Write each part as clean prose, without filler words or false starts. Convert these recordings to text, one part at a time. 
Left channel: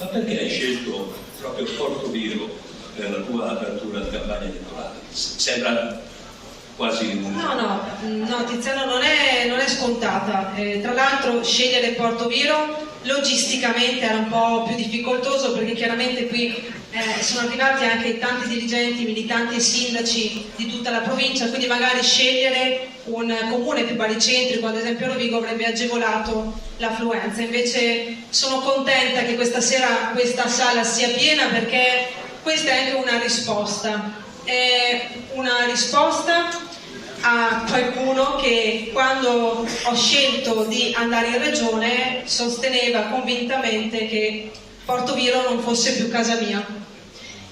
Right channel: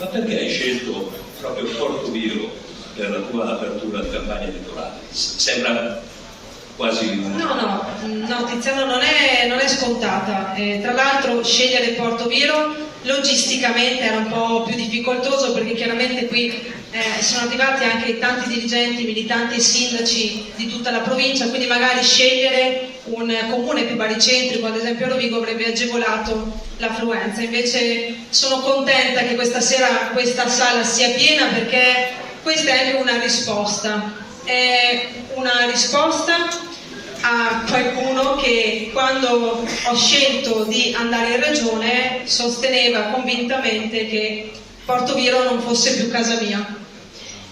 Ma perché hai scelto proprio Portoviro per la tua apertura alla campagna elettorale? Sembra quasi... No, Tiziano, non è scontata. Tra l'altro scegliere Portoviro logisticamente era un po' più difficoltoso, perché chiaramente qui sono arrivati anche tanti dirigenti, militanti e sindaci di tutta la provincia, quindi magari scegliere un comune più baricentrico, ad esempio Rovigo, avrebbe agevolato l'affluenza. Invece sono contenta che questa sera questa sala sia piena, perché questa è anche una risposta. È una risposta a qualcuno che, quando ho scelto di andare in regione, sosteneva convintamente che Portoviro non fosse più casa mia.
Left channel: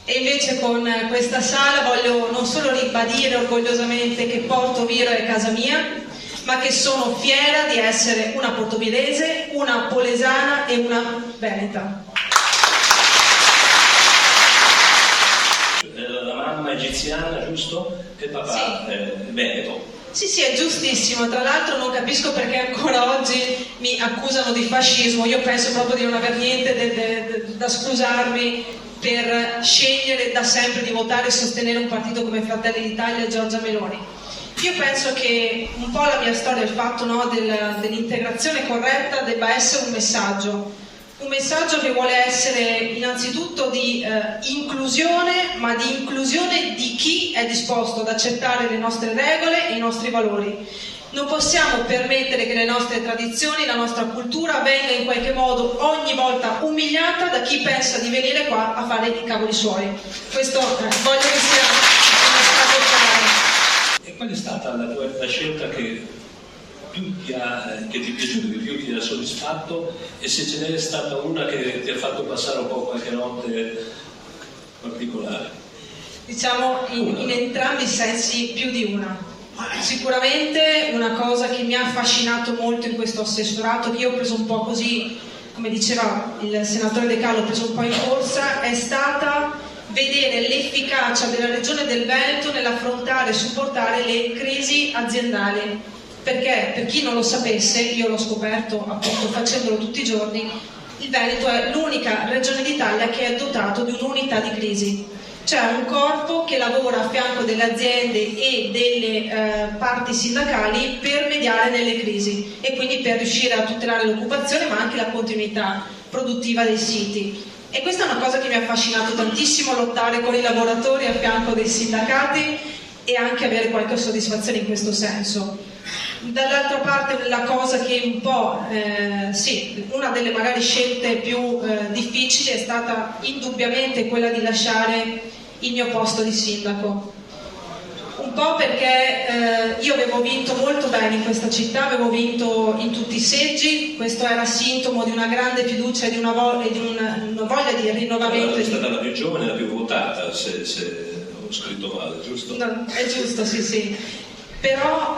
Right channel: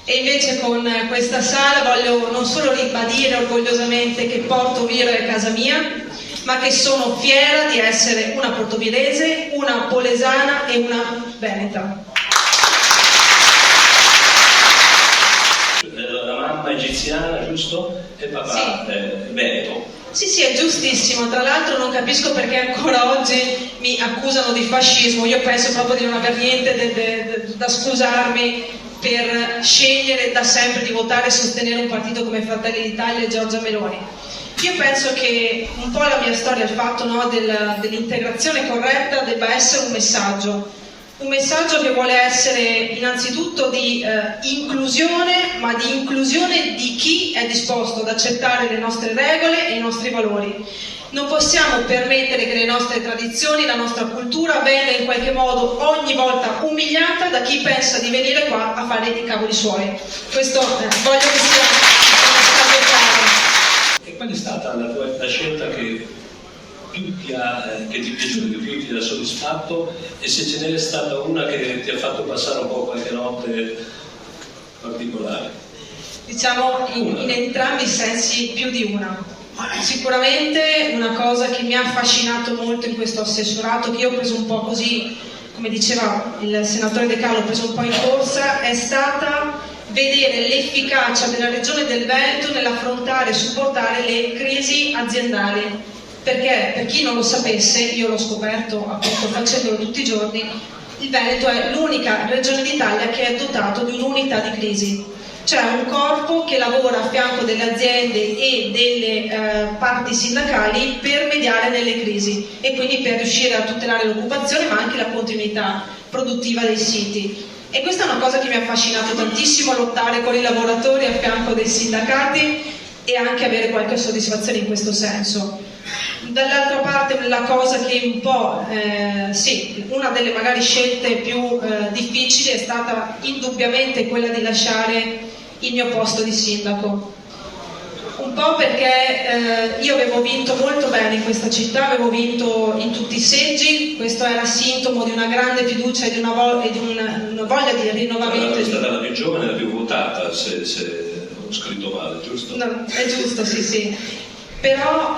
E invece con questa sala voglio non solo ribadire orgogliosamente che Portoviro è casa mia, ma che sono fiera di essere una portovirese, una polesana e una veneta. La mamma egiziana, giusto? E papà Sì. veneto. Sì, è giustissimo. Tra l'altro non capisco perché ancora oggi mi accusano di fascismo. Io penso proprio di non aver niente da scusarmi per scegliere da sempre di votare e sostenere un partito come Fratelli d'Italia e Giorgia Meloni. Io penso che un po' la mia storia, il fatto dell'integrazione corretta, debba essere un messaggio che vuole essere innanzitutto di inclusione, ma di inclusione di chi è disposto ad accettare le nostre regole e i nostri valori. Non possiamo permettere che le nostre tradizioni, la nostra cultura venga in qualche modo ogni volta umiliata da chi pensa di venire qua a fare i cavoli suoi. Questo voglio che sia una strada chiara. E qual è stata la scelta che più ti è piaciuta, che più ti ha soddisfatto, e se ce n'è stata una che ti ha fatto passare un po' qualche notte particolare? Diciamo in entrambi i sensi più di una. Sicuramente una cosa che mi ha affascinato molto in questo assessorato, che io ho preso un po' così, come diceva il senatore De Carlo, ho preso un po' in corsa, è stata vedere l'efficacia della Regione del Veneto nell'affrontare e supportare le crisi aziendali. Perché, per chi non lo sapesse, io l'ho scoperto appunto facendolo tutti i giorni, il Veneto è l'unica regione d'Italia che è dotato di un'unità di crisi. Cioè un corpo che lavora a fianco delle aziende e delle parti sindacali per mediare nelle crisi e quindi per riuscire a tutelare l'occupazione, ma anche la continuità produttiva dei siti. E questa è una cosa che mi ha affascinato tantissimo, lottare con i lavoratori a fianco dei sindacati e anche avere qualche soddisfazione in questo senso. Dall'altra parte la cosa che un po', una delle magari scelte più difficili è stata indubbiamente quella di lasciare il mio posto di sindaco. Un po' perché io avevo vinto molto bene in questa città, avevo vinto in tutti i seggi, questo era sintomo di una grande fiducia e di una voglia di rinnovamento. È stata la più giovane e la più votata, se ho scritto male, giusto? No, è giusto, sì. Però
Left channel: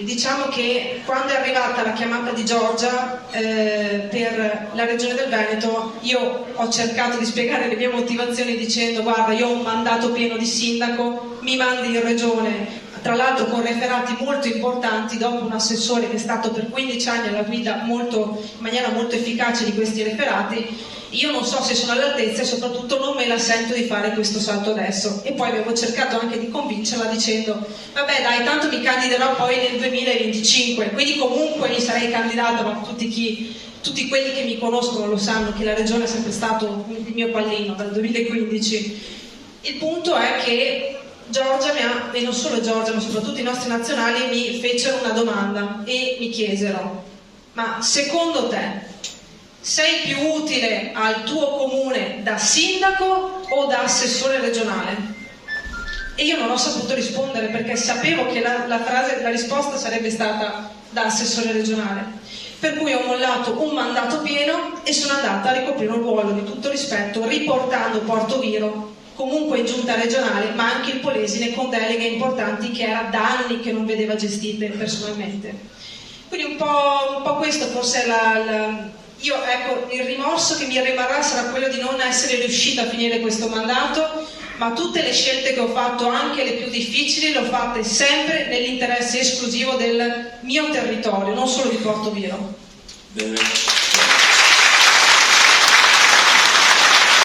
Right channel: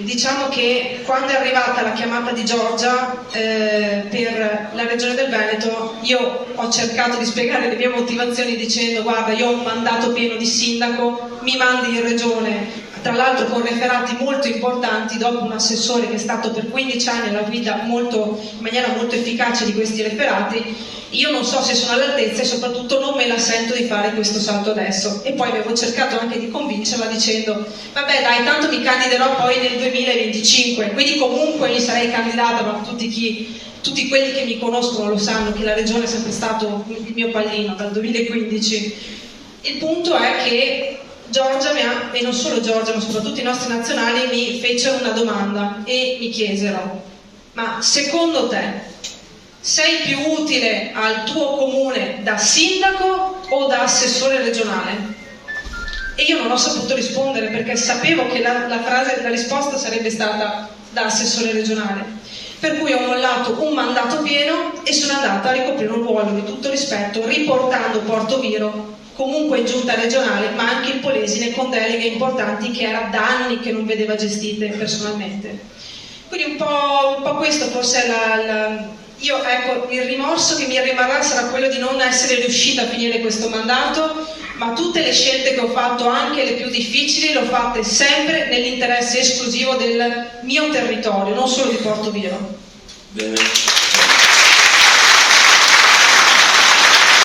diciamo che quando è arrivata la chiamata di Giorgia per la Regione del Veneto, io ho cercato di spiegare le mie motivazioni dicendo: guarda, io ho un mandato pieno di sindaco, mi mandi in Regione, tra l'altro con referati molto importanti, dopo un assessore che è stato per 15 anni alla guida in maniera molto efficace di questi referati. Io non so se sono all'altezza e soprattutto non me la sento di fare questo salto adesso. E poi avevo cercato anche di convincerla dicendo: vabbè dai, tanto mi candiderò poi nel 2025, quindi comunque mi sarei candidata, ma tutti quelli che mi conoscono lo sanno che la regione è sempre stato il mio pallino dal 2015. Il punto è che Giorgia e non solo Giorgia, ma soprattutto i nostri nazionali mi fecero una domanda e mi chiesero: ma secondo te sei più utile al tuo comune da sindaco o da assessore regionale? E io non ho saputo rispondere, perché sapevo che la risposta sarebbe stata da assessore regionale. Per cui ho mollato un mandato pieno e sono andata a ricoprire un ruolo di tutto rispetto, riportando Portoviro comunque in giunta regionale, ma anche il Polesine con deleghe importanti che era da anni che non vedeva gestite personalmente. Quindi un po' questo forse è il rimorso che mi rimarrà sarà quello di non essere riuscita a finire questo mandato, ma tutte le scelte che ho fatto, anche le più difficili, le ho fatte sempre nell'interesse esclusivo del mio territorio, non solo di Portoviro. Bene.